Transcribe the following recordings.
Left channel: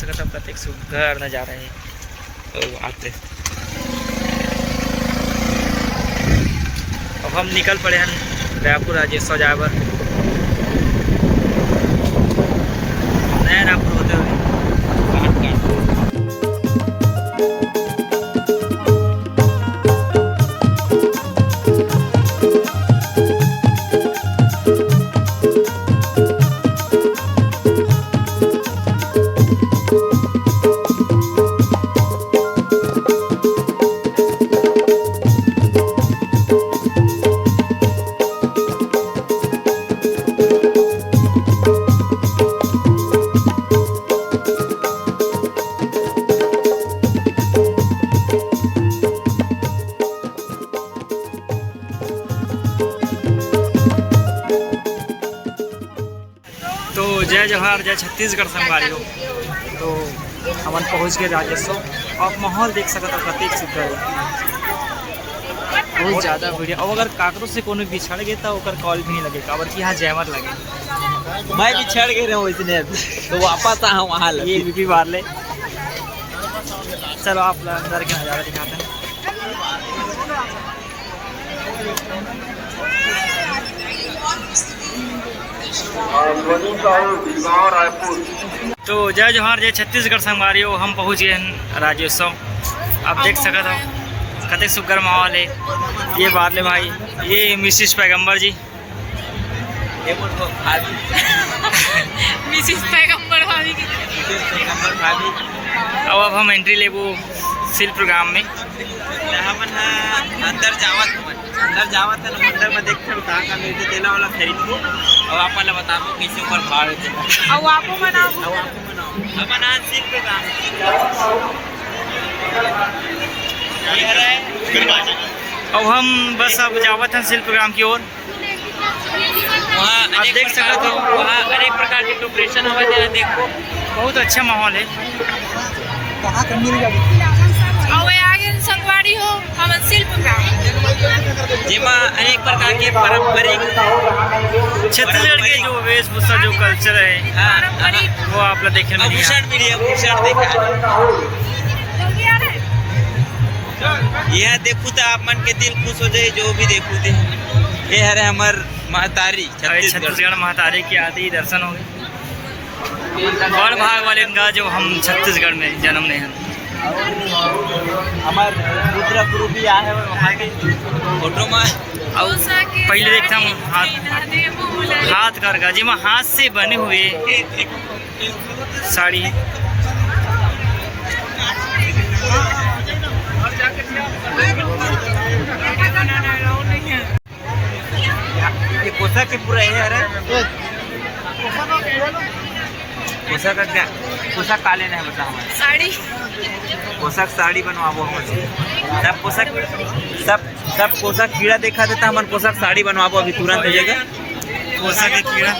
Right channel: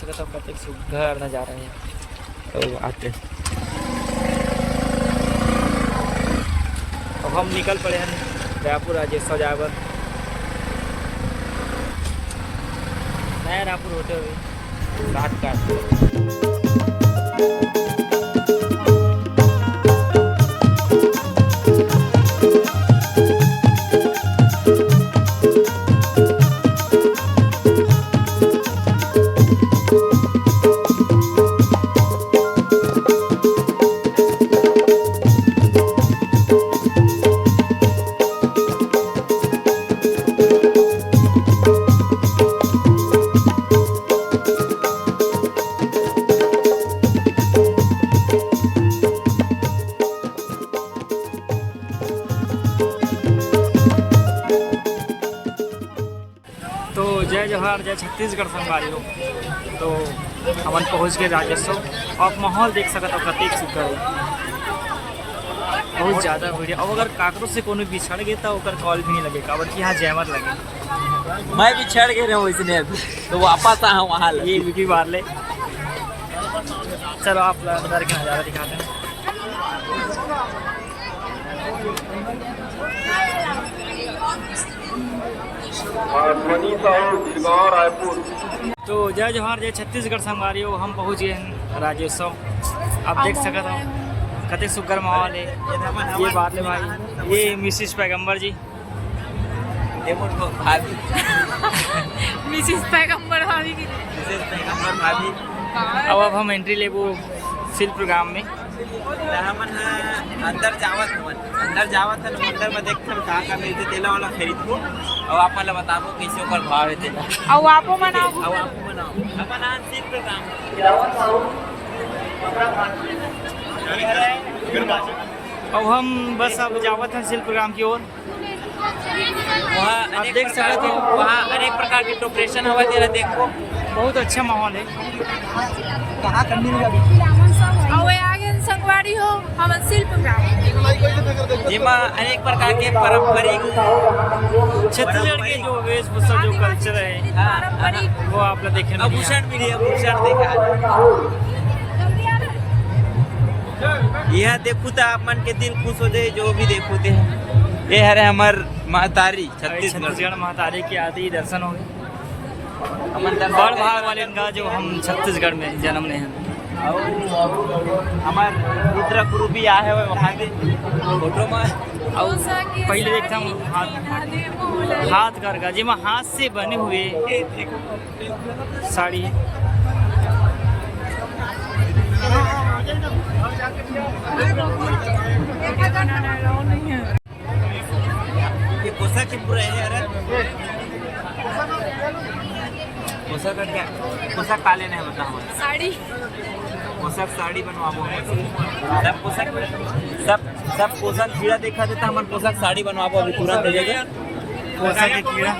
सकते हो कतेक सुघर नजारा है। तो आते अब हम निकल पड़े हैं रायपुर राजेश्वर जाए बर, नया रायपुर होते हुए जय जवाहर जय छत्तीसगढ़ संगवारी हो। तो हमन पहुँच गए राजेश्वर। आप माहौल देख सकते हो कतेक सुघर है, बहुत ज़्यादा बढ़िया। और अगर काकरों से कोनो बिछड़ गए तो ओकर कॉल भी नहीं लगे, काबर कि यहाँ जैमर लगे। मैं बिछड़ गए रहा इसने अभी तो वापस आऊँ वहाँ ये बीपी बार ले। चलो आप अंदर के नज़ारा दिखाते हैं। तो जय जवाहर जय छत्तीसगढ़ संगवारी हो। हम पहुँच गए हैं राजेश्वर। आप देख सकते हो कते सुघर माहौल है। ये बात ले भाई, ये मिसिस पैगंबर जी मिसिस पैगंबर भाभी की। अब हम एंट्री ले वो सिल प्रोग्राम में अंदर जावत है अंदर में देखते हो कहाँ मिलते तेला वाला खरीद के और आप मतलब बताओ कैसे ऊपर भाव रहते हैं। अब आपको मनाओ अब अनाज सीख पे काम अब हम बस अब जावत हैं सिल प्रोग्राम की ओर। आप देख सकते हो वहाँ अनेक प्रकार के प्रिपरेशन हुआ है। देखो बहुत अच्छा माहौल है। कहाँ करनी संगवारी हो हम शिल्प जिमा अनेक प्रकार के पारंपरिक छत्तीसगढ़ के जो वेशभूषा जो कल्चर है वो आप लोग देखने में भूषण देखा यह देखो तो आप मन के दिल खुश हो जाए जो भी देखो थे। ये है हमार महतारी छत्तीसगढ़ महतारी की आदि दर्शन हो गए। बड़ भाग वाले का जो हम छत्तीसगढ़ में जन्म नहीं हैं। हमार रुद्र गुरु भी आए वहाँ के फोटो में पहले देखता हूँ हाथ करगा जी में हाथ से बने हुए साड़ी। ये पोशाक के पूरा है पोशाक का क्या पोशाक काले नहीं बता हमारे साड़ी पोशाक साड़ी बनवाबो हमसे सब पोशाक सब पोशाक कीड़ा देखा देता हमारे पोशाक साड़ी बनवाबो अभी तुरंत हो जाएगा। पोशाक के कीड़ा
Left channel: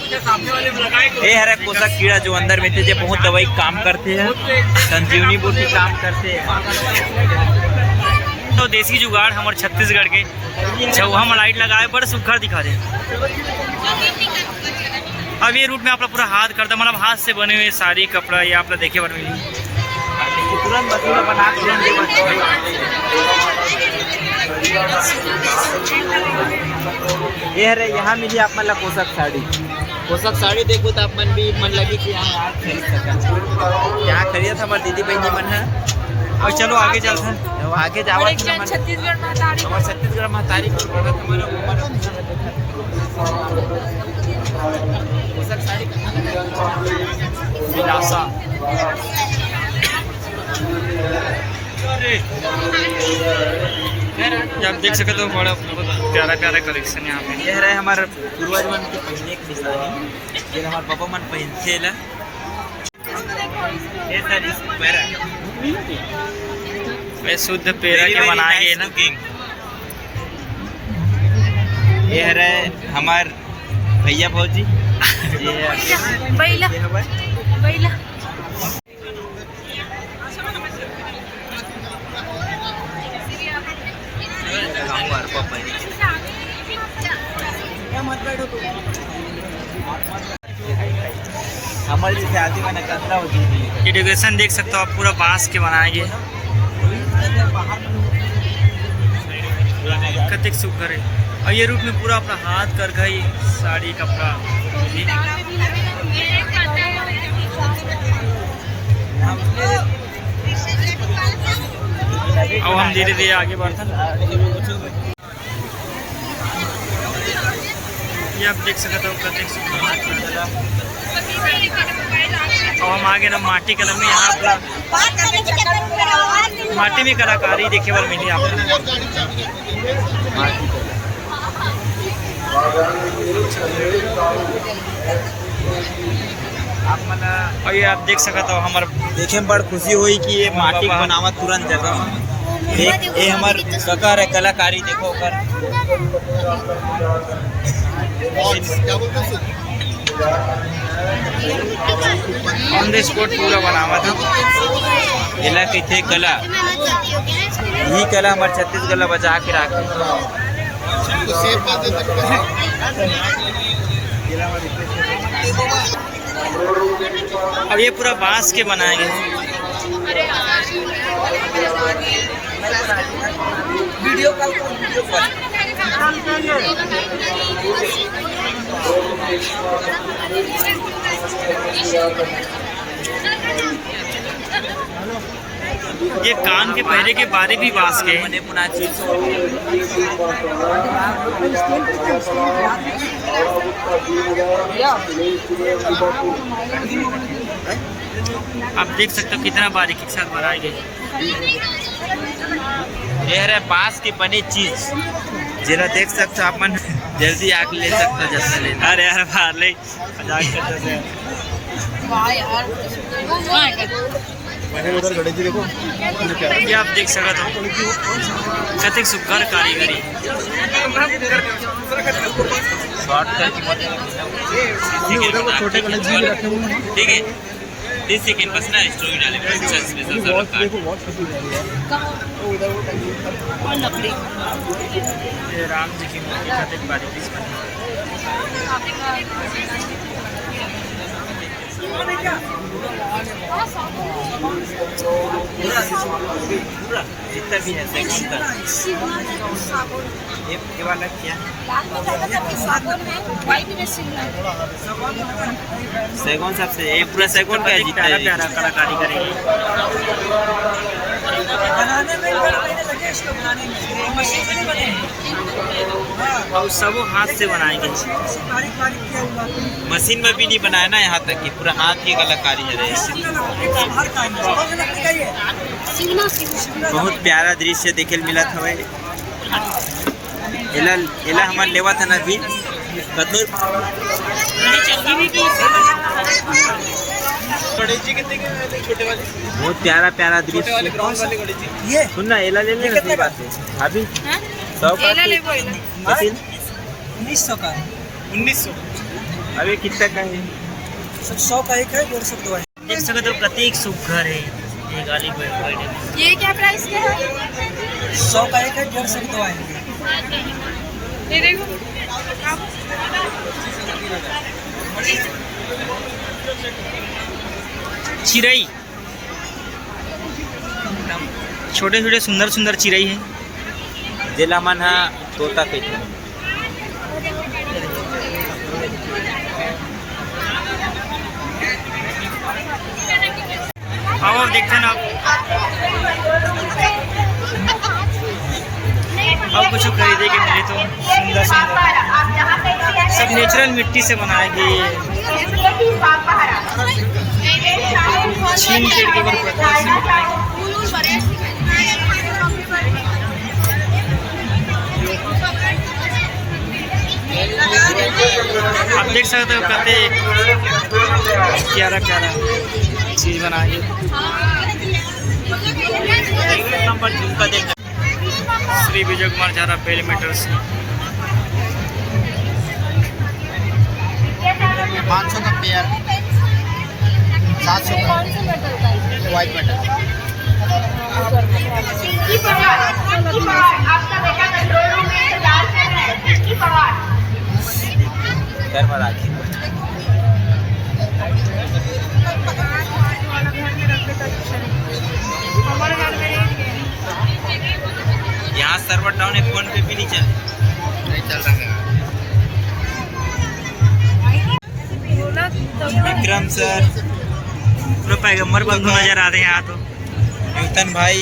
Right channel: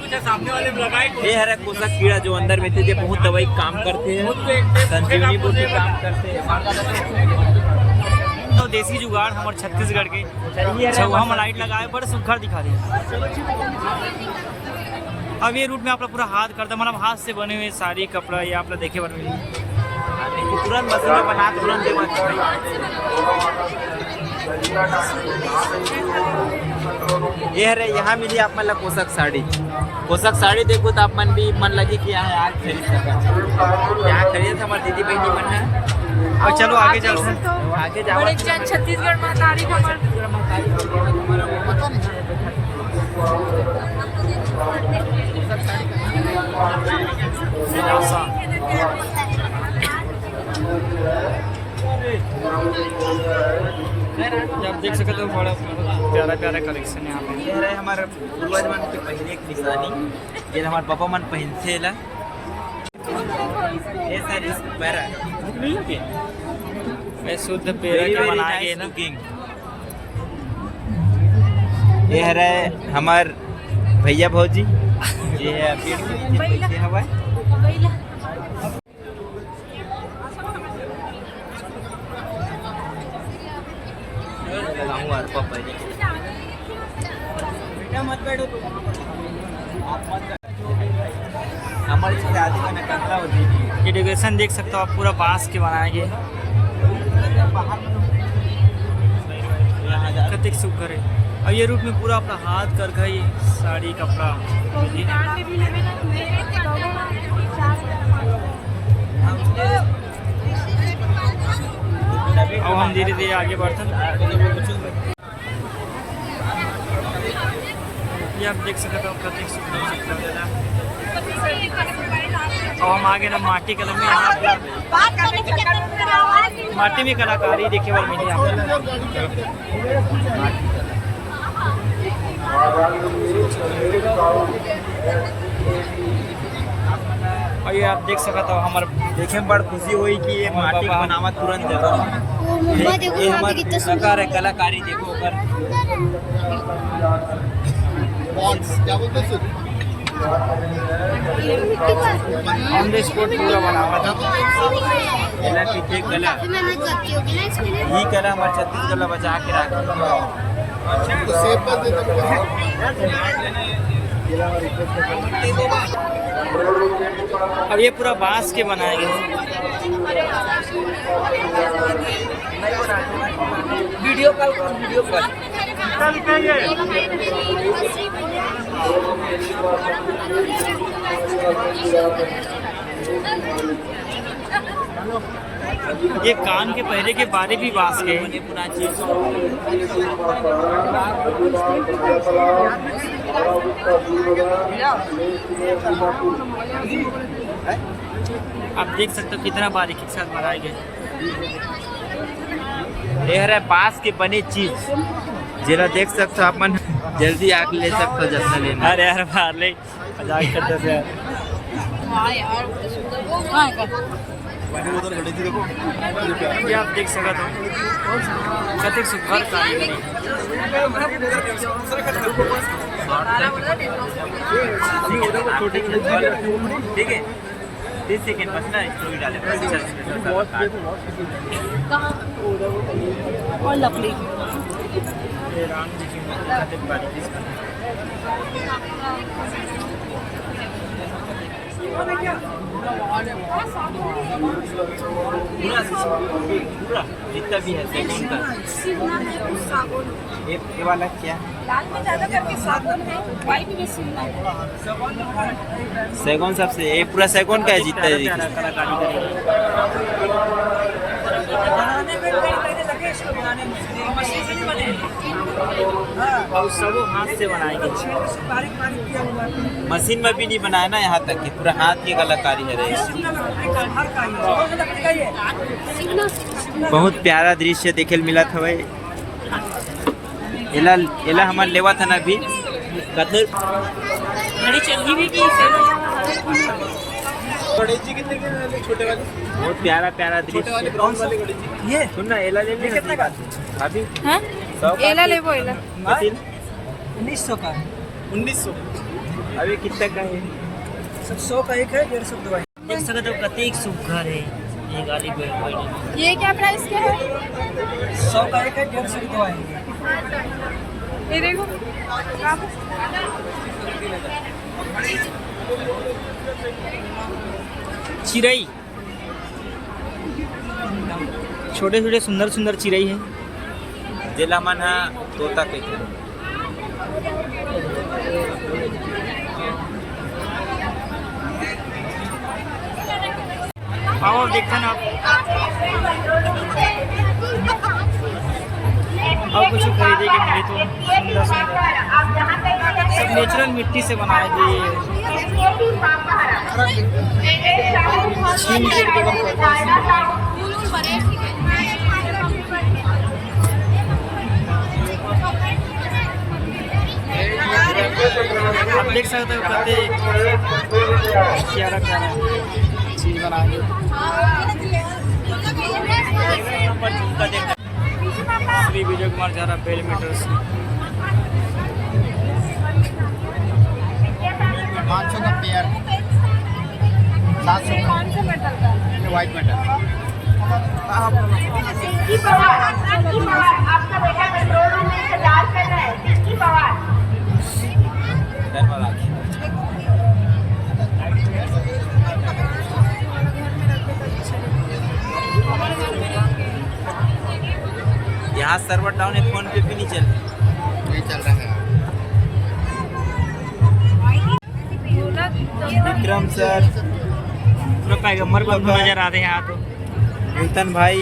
ये है पोशाक कीड़ा जो अंदर में थे जो बहुत दवाई काम करते हैं, संजीवनी बूटी काम करते हैं। तो देसी जुगाड़ हमारे छत्तीसगढ़ के चौहा में लाइट लगाए बड़े सुघर दिखा दे। अब ये रूट में आप पूरा हाथ करता मतलब हाथ से बने हुए साड़ी कपड़ा ये आप देखे बन मिली तुरंत मशीन में बना ये है यहाँ मिली आप मतलब पोशाक साड़ी देखो तो आप मन भी मन लगी कि यहाँ आज खरीद सका। यहाँ खरीदा हमारे दीदी बहनी मन है। और चलो आगे चलते हैं। आगे जाओ छत्तीसगढ़ महतारी छत्तीसगढ़ महतारी को हमारा पोशाक साड़ी विलासा आप देख सकते हो बड़ा प्यारा प्यारा कलेक्शन यहाँ पे। यह रहे हमारे पूर्वज मन की पहले एक निशानी ये हमारे पापा मन पहनते ला ये सारी पैरा वे शुद्ध पेरा के बनाए गए ना। ये रहे हमार भैया भौजी ये है बैला बैला हमारे जैसे आदि का निकलता होगी। ये डेकोरेशन देख सकते हो आप, पूरा बांस के बनाएंगे, कतिक सुघर है। और ये रूप में पूरा अपना हाथ कर गई साड़ी कपड़ा। अब हम धीरे धीरे आगे बढ़ते हैं। ये आप देख सकते हो कतिक सुघर। और हम आगे ना माटी कलर में, यहाँ पर माटी में कलाकारी देखे बार मिली आप। और ये आप देख सकते हो हमारे देखे में बड़ खुशी हुई कि ये माटी बाबा। बनावा तुरंत जगह में। ये हमार ककर है कलाकारी देखो पर ऑन द स्पॉट पूरा बनावा था। एला कहते कला, यही कला हमारे छत्तीसगढ़ बचा के रखे। अब ये पूरा बांस के बनाएंगे। वीडियो कॉल करो, वीडियो कॉल। ये कान के पहरे के बारे भी बांस के हैं। मने पुना चीज आप देख सकते हो कितना बारीकी के साथ बनाए गए। ये है बांस के बने चीज जरा देख सकते हो अपन, जल्दी आके ले सकते हो जैसे लेना। अरे यार बाहर ले मजाक करते थे। ये आप देख सकते हो कतिक सुघर कारीगरी। ठीक है 30 सेकेंड बस ना, स्टोरी डाले और लकड़ी ये राम जी की मूर्ति कतिक बारीकी से बनी। जितना भी है ये वाला क्या लाल में ज्यादातर के सागौन है, व्हाइट में शिमला है। सैगुन सबसे ये पूरा सैगुन का है जितना प्यारा प्यारा कलाकारी करेंगे। और सब हाथ से बनाएंगे। मशीन में भी नहीं बनाया ना, यहाँ तक कि पूरा हाथ की कलाकारी है। बहुत प्यारा दृश्य देखे मिला था भाई। एला एला हमारे लेवा था ना भी कतूर बहुत प्यारा प्यारा दृश्य। ये सुनना एला ले लेना अभी एला ले वो एला 1900 का 1900 अभी कितना का है? 100 का एक है 150 का दो है। देख सकते हो कतिक सुघर है ये गाली बर्थडे में। ये क्या प्राइस क्या है? 100 का एक है 150 का दो है। ये देखो चिरई, छोटे छोटे सुंदर सुंदर चिरई है। जिला मन है तोता के अब आप देखते हैं ना, अब कुछ खरीदे के मिले तो सुंदर सुंदर सब नेचुरल मिट्टी से बनाए गए। छीन पेड़ के ऊपर पत्थर से बनाए गए। आप देख सकते हो कते प्यारा प्यारा चीज बनाएंगे। श्री विजय कुमार झारा बेल मीटर्स 500 का पेयर 700 का व्हाइट मेटल। धन्यवाद। सर्वर डाउन है, फोन पे भी नहीं चल रहा है। विक्रम सर, पूरा पैगंबर बंधु नजर आते हैं यहाँ तो। नूतन भाई,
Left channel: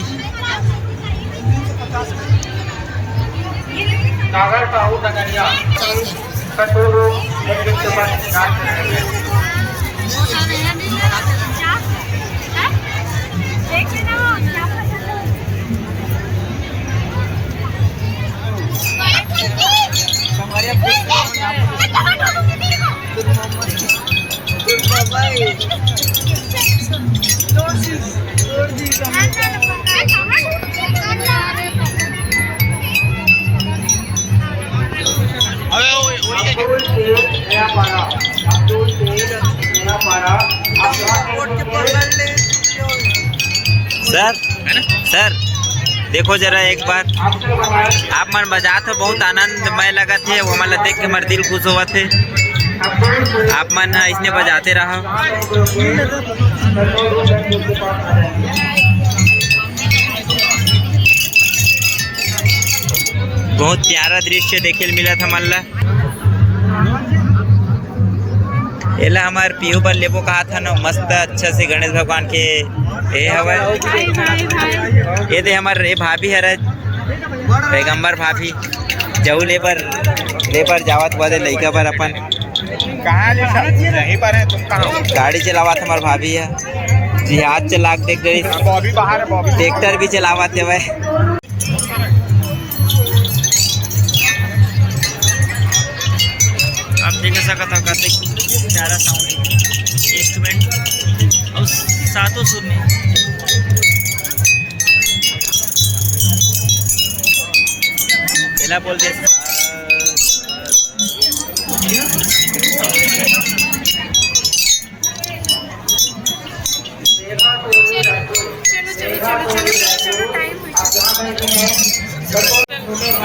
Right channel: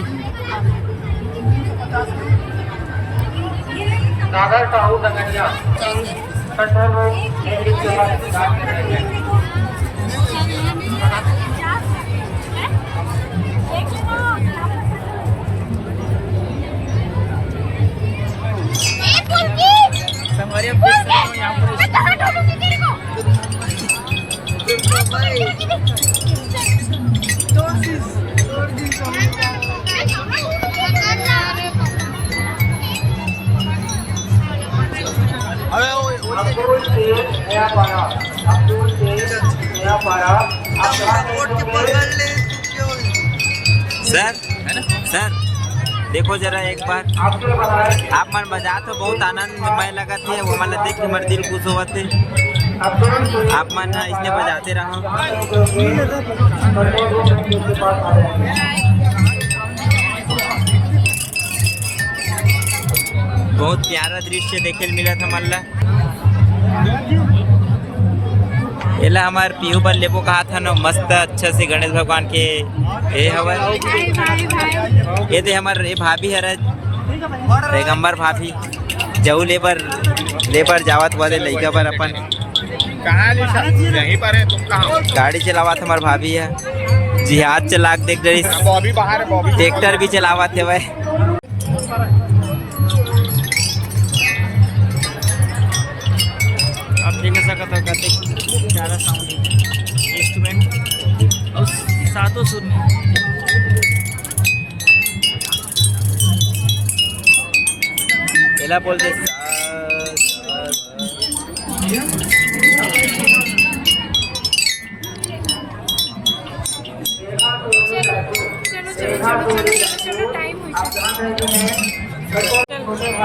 संगवारी आप देख सकते हो यहाँ सर सर देखो जरा एक बार, आप मन बजा तो बहुत आनंदमय लगा थे, वो मतलब देख के हमारे दिल खुश हुआ थे। आप मन इसने बजाते रहा। बहुत प्यारा दृश्य देखे मिला था मल्ला। एला हमार पीहू पर लेबो कहा था ना, मस्त अच्छा से गणेश भगवान के ए हवा। ये दे हमार ए भाभी है पैगंबर भाभी, जाऊ लेबर जावत वाले लड़का पर अपन गाड़ी चलावत हमार भाभी है, जिहाद चलाक देख रही, ट्रैक्टर भी चलावत है वह। आप देख सकते हो कते प्यारा साउंड है इंस्ट्रूमेंट और सातों सुर में। एला बोलते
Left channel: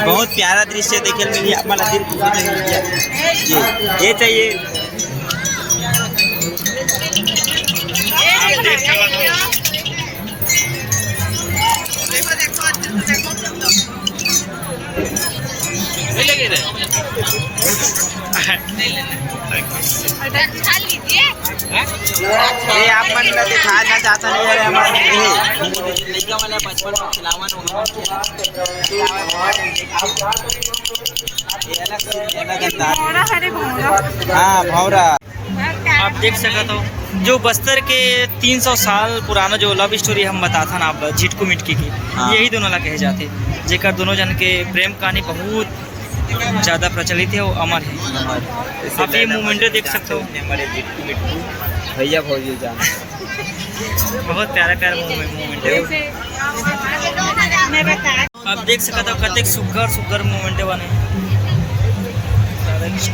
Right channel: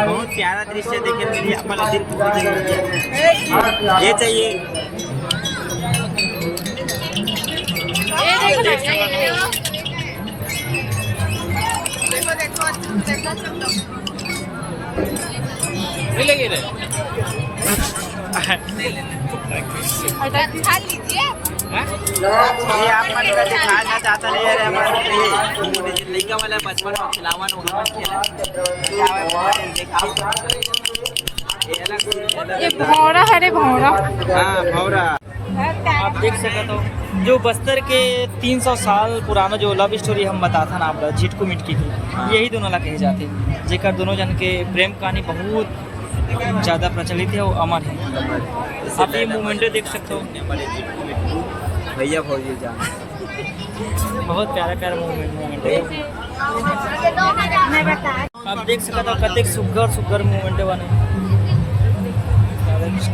बहुत प्यारा दृश्य देखे मिली, हमारा दिल ये चाहिए। आप देख सकते हो ये आप मन का दिखाना चाहता नहीं है हमारे लड़का वाला बचपन में खिलावन वो खेला हाँ भौरा। आप देख सकते हो जो बस्तर के 300 साल पुराना जो लव स्टोरी हम बताता ना आप झिटकू मिटकी की, यही दोनों ला कहे जाते, जेकर दोनों जन के प्रेम कहानी बहुत ज़्यादा प्रचलित है और अमर है। आप ये मोमेंट देख सकते हो, भैया भौजी जान बहुत प्यारा प्यारा मोमेंट है। आप देख सकते हो कतेक सुग्घर मोमेंट बने राधा कृष्ण।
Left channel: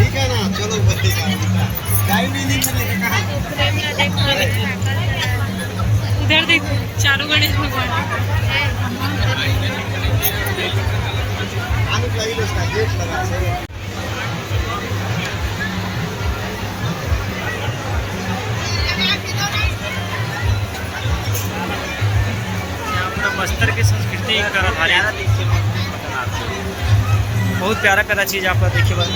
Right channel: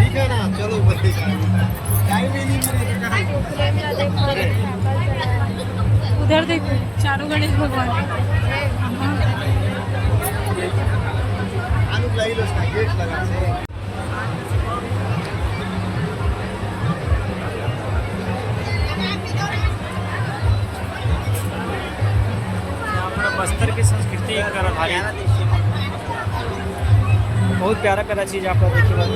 ठीक है ना, चलो उधर देखो चारों गणेश भगवान। यहाँ पर बस्तर की संस्कृति पर आधारित बहुत प्यारा प्यारा चीज़ आप देखिए बात।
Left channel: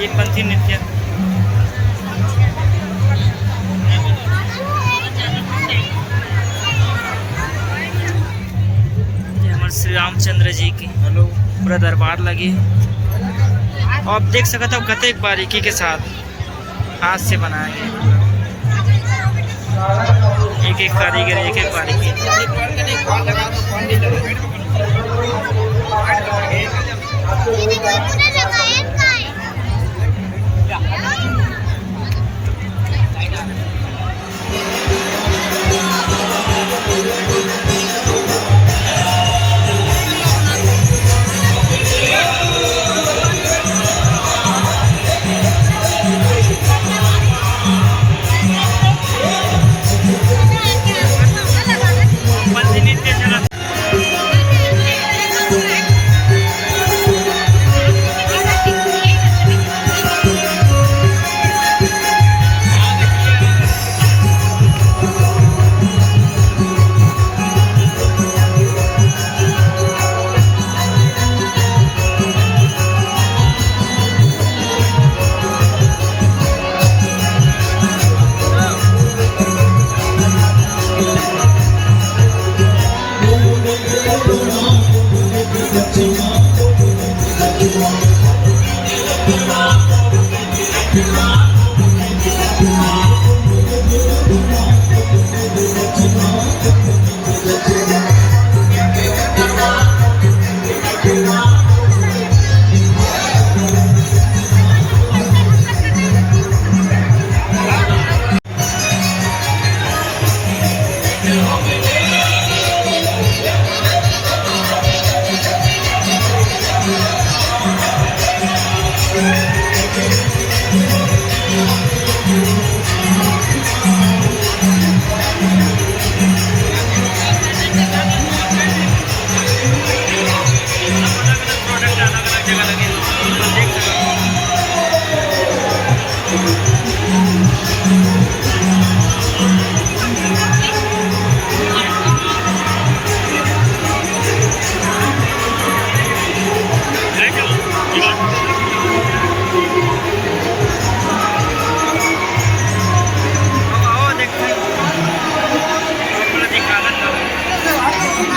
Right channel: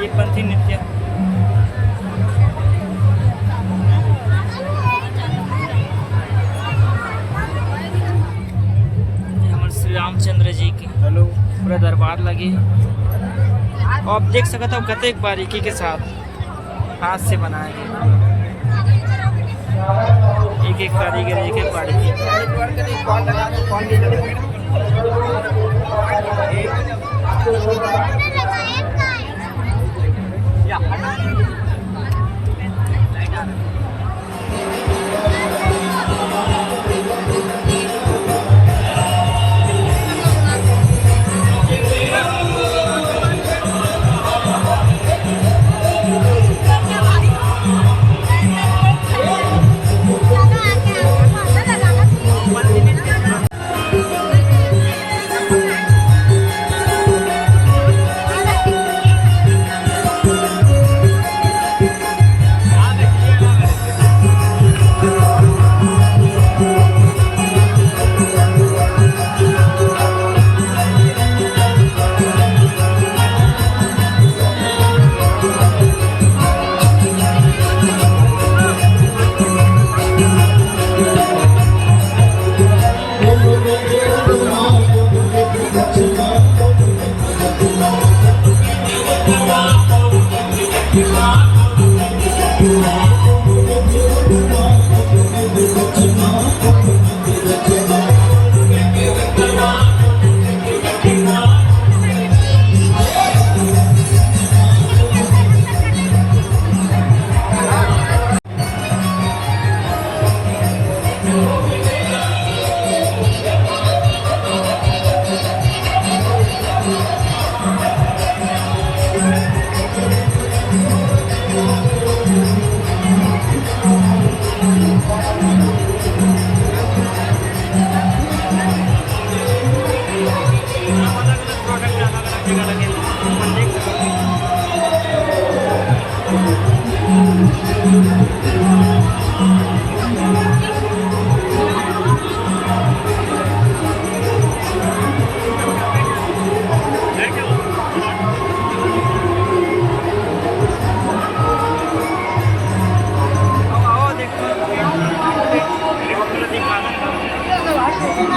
ये पंथी नृत्य श्री रामचंद्र जी की पूरा दरबार लगी है। आप देख सकते हो कतेक बारीकी के साथ हाथ से बनाया गया, एक एक कारीगर एक एक बारीकी।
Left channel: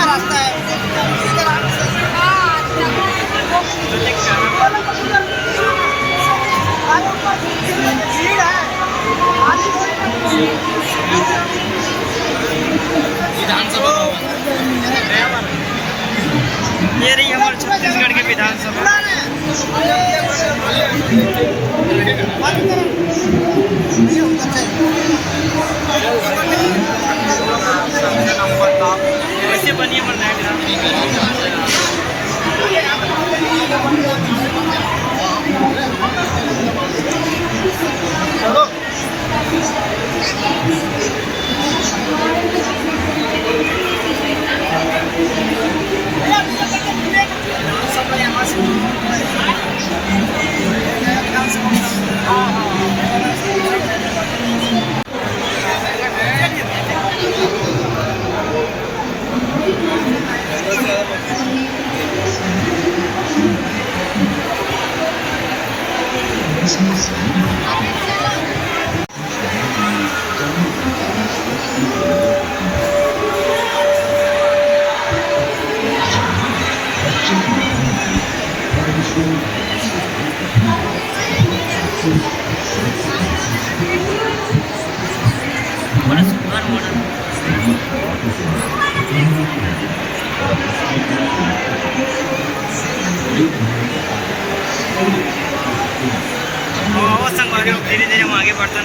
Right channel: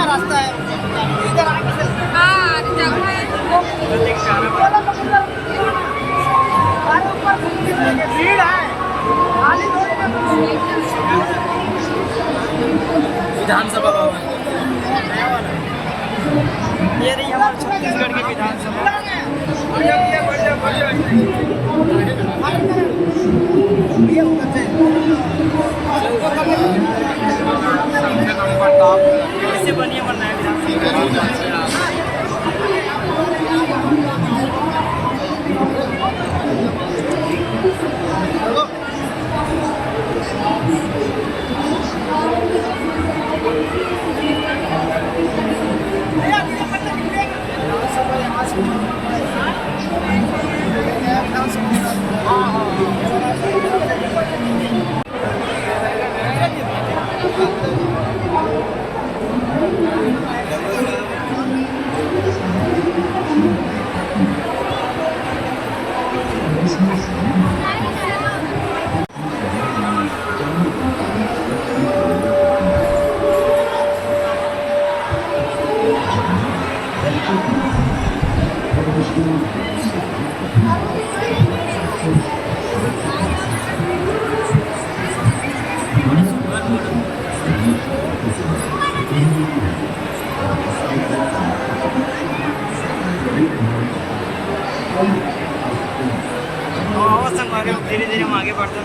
रास्ता है प्रतीक प्यारा भाई। विधानसभा ये रही हमारे छत्तीसगढ़ के विधानसभा। वैसे बनिए मरना है विधानसभा। बड़ा सुंदर मॉडल। आवाज संग धीरे धीरे हम आगे बढ़ते हैं।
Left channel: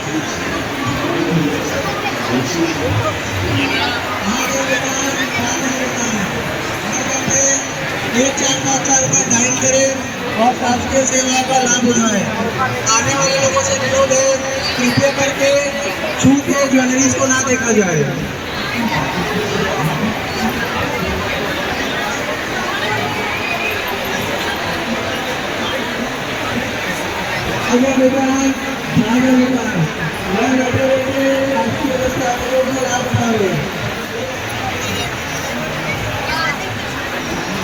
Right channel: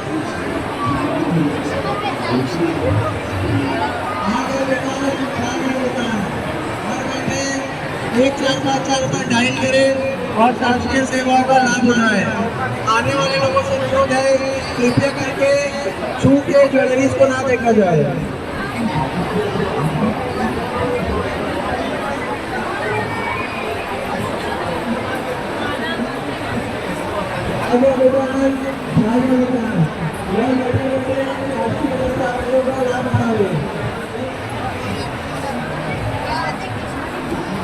एक 4-5 रुपए डायल करें और शासकीय सेवा का लाभ उठाएं। आने वाले लोगों से अनुरोध है कृपया करके छू के ज्वेलरीज को ना देखा जाए। आगे बेटा आगे बेटा यहाँ बैठे बैठे शासकीय दस्तावेजों का लाभ उठाएं।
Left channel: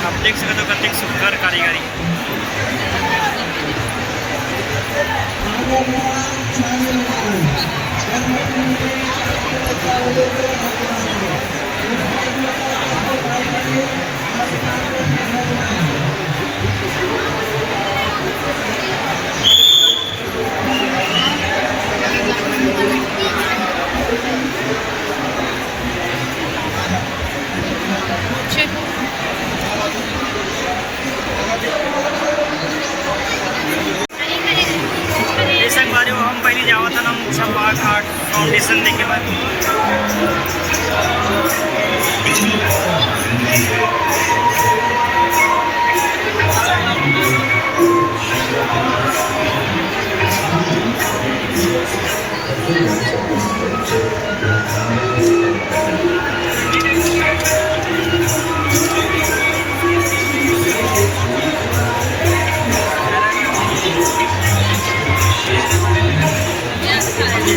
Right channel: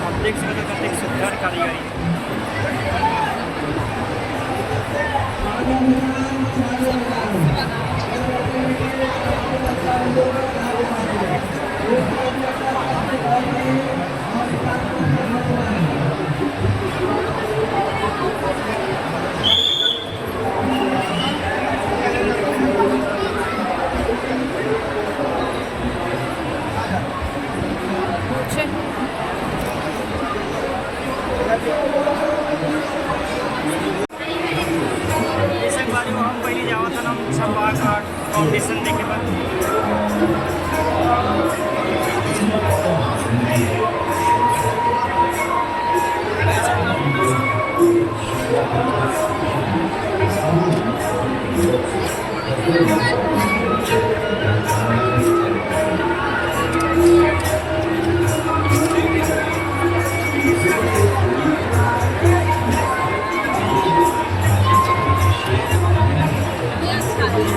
आप देख सकते हो कतक सुंदर कारीगरी है। ये संगवारी हम पहले जावा था हम छपा घाट फाउंडेशन देखे बाद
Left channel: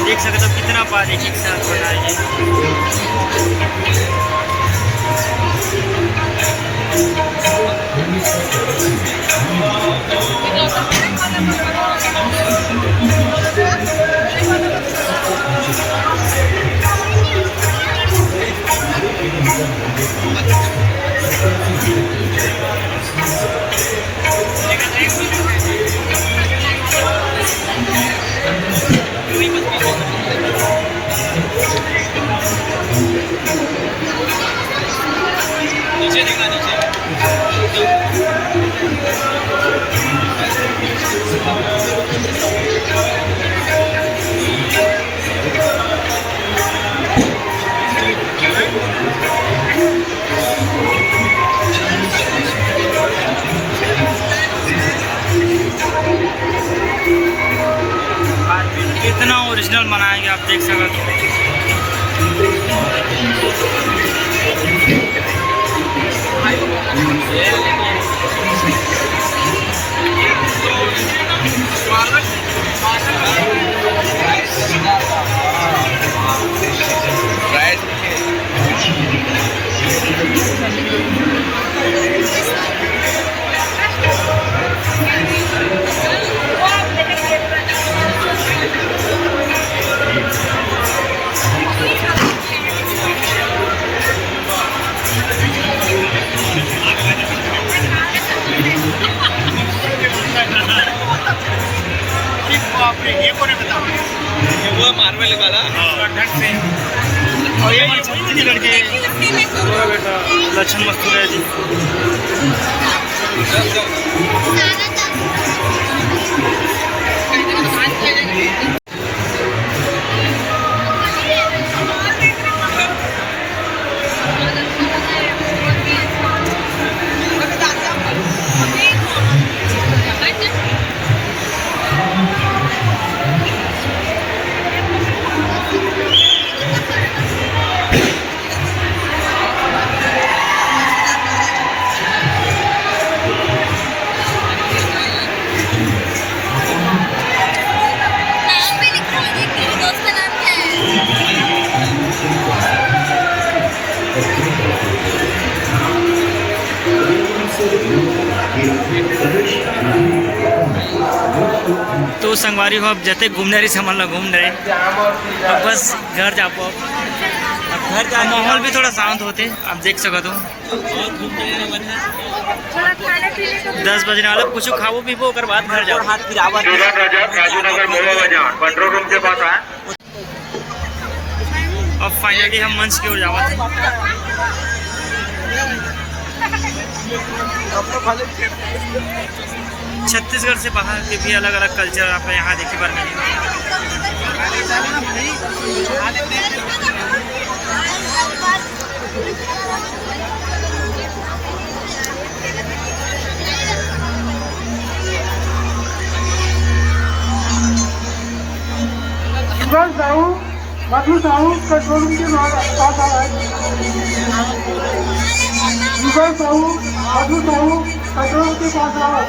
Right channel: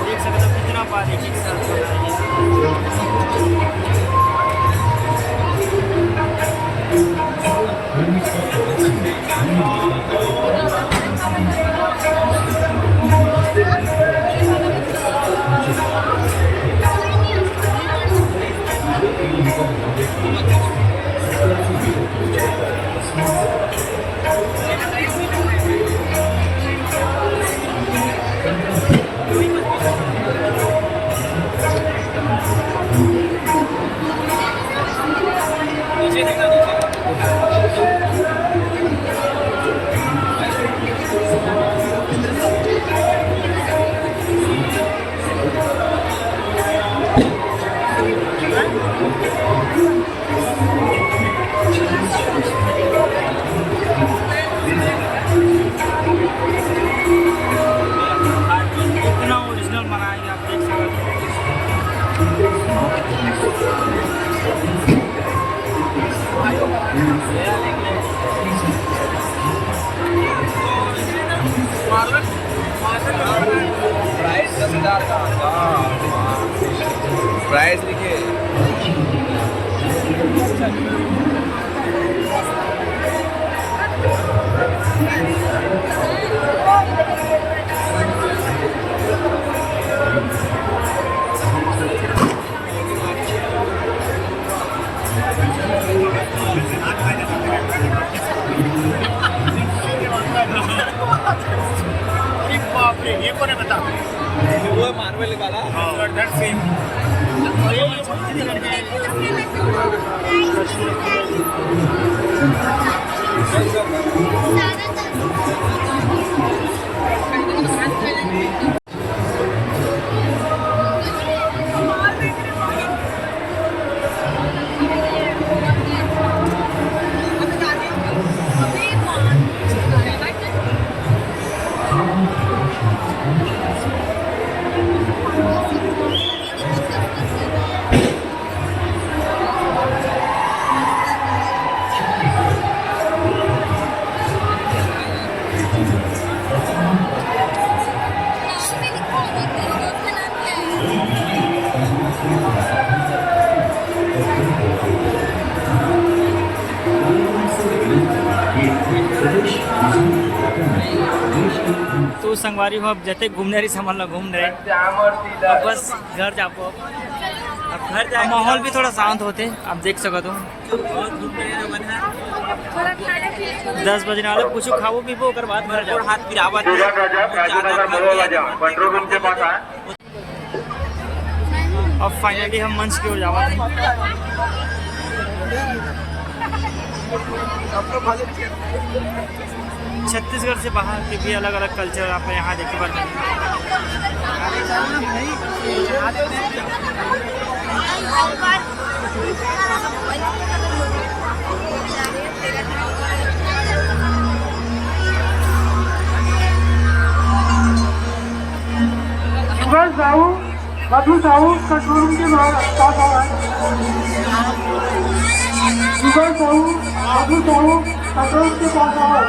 देख सकते हो कितना बारीकी के साथ बनाएंगे। कितना ओरिजिनल बनाएंगे आप देख सकते हो। प्राइस लिखे ये कौन है बता? वो मार्बल वाला और ये वही की लड़की पूरा बेटा लक्षण मस्तूर है जी। नाम भी लिखो, दोस्त का नाम क्या है? तो संगवारी हो अब जते घूमने रही सामान ला घूम रहे अब बस घर जापो अब माहौल भी थोड़ा शांत होते आप देख सकते हो 10 बजने वाला कुछ खाओ पीबो ओकर बाद घर जाओ। अब फाइनली हम मंच की ओर जावा थे। छत्तीसगढ़ से बाहर के भी अलग अलग कल्चर आप यहाँ देखे बार मिलेंगे। मधु साहू पेट्रोल रूम के पास आओ। मधु साहू पेट्रोल के पास आओ।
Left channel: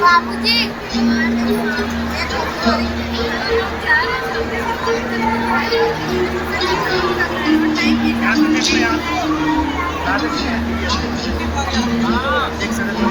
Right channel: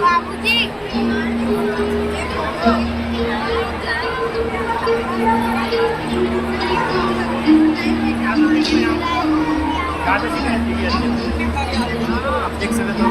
बाबूजी देख सकते हो